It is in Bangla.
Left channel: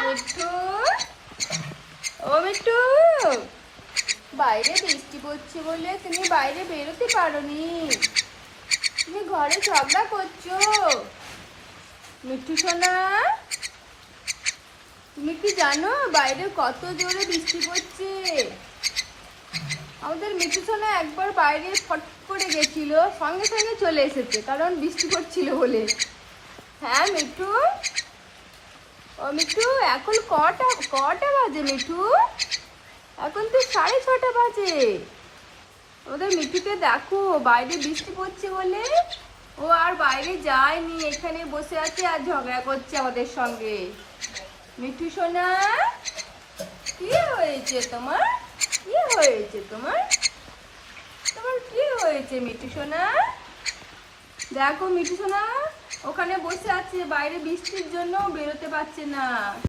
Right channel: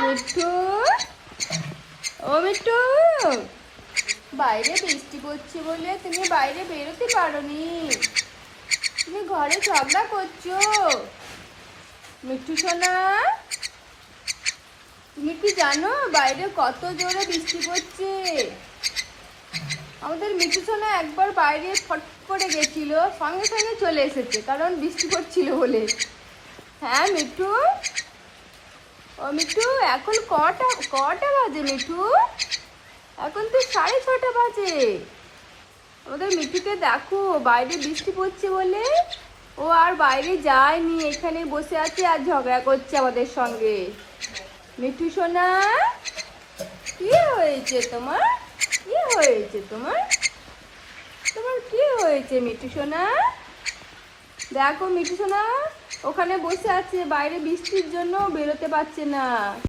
মিঠু, ও মিঠু, বাইরে বৃষ্টি পড়ছে বলে তুমি বাইরে বেরোতে পারোনি। তুমি ঘরে ঝগড়া করছো। মিঠু সোনা, তুমি কি জানো বাইরে কত জোরে বৃষ্টি পড়ছে? আমাদের মিঠু সোনা একবার বাইরে ফট করে গেছিল, সঙ্গে সঙ্গে চলে এসেছে, কারণ বৃষ্টি পড়ছিল বলে। হ্যাঁ মিঠু, ও মিঠু, এখন কটা কটা বাজে মিঠু? এখন তো 6:30 বাজে। আমাদের মিঠুকে দেখো, বাইরে বৃষ্টি পড়ছে বলে ও আর বাইরে যায়নি, এখানে বসে আছে আর ঝগড়া করছে আমাদের সঙ্গে। মিঠু সোনা, কি হয়েছে তোমার? কি হয়েছে তোমার? তোমার কি হয়েছে মিঠু সোনা? দেখো মিঠু সোনা ওখানে বসে আছে, বাইরে বৃষ্টির জন্য বেরোতে পারছে না।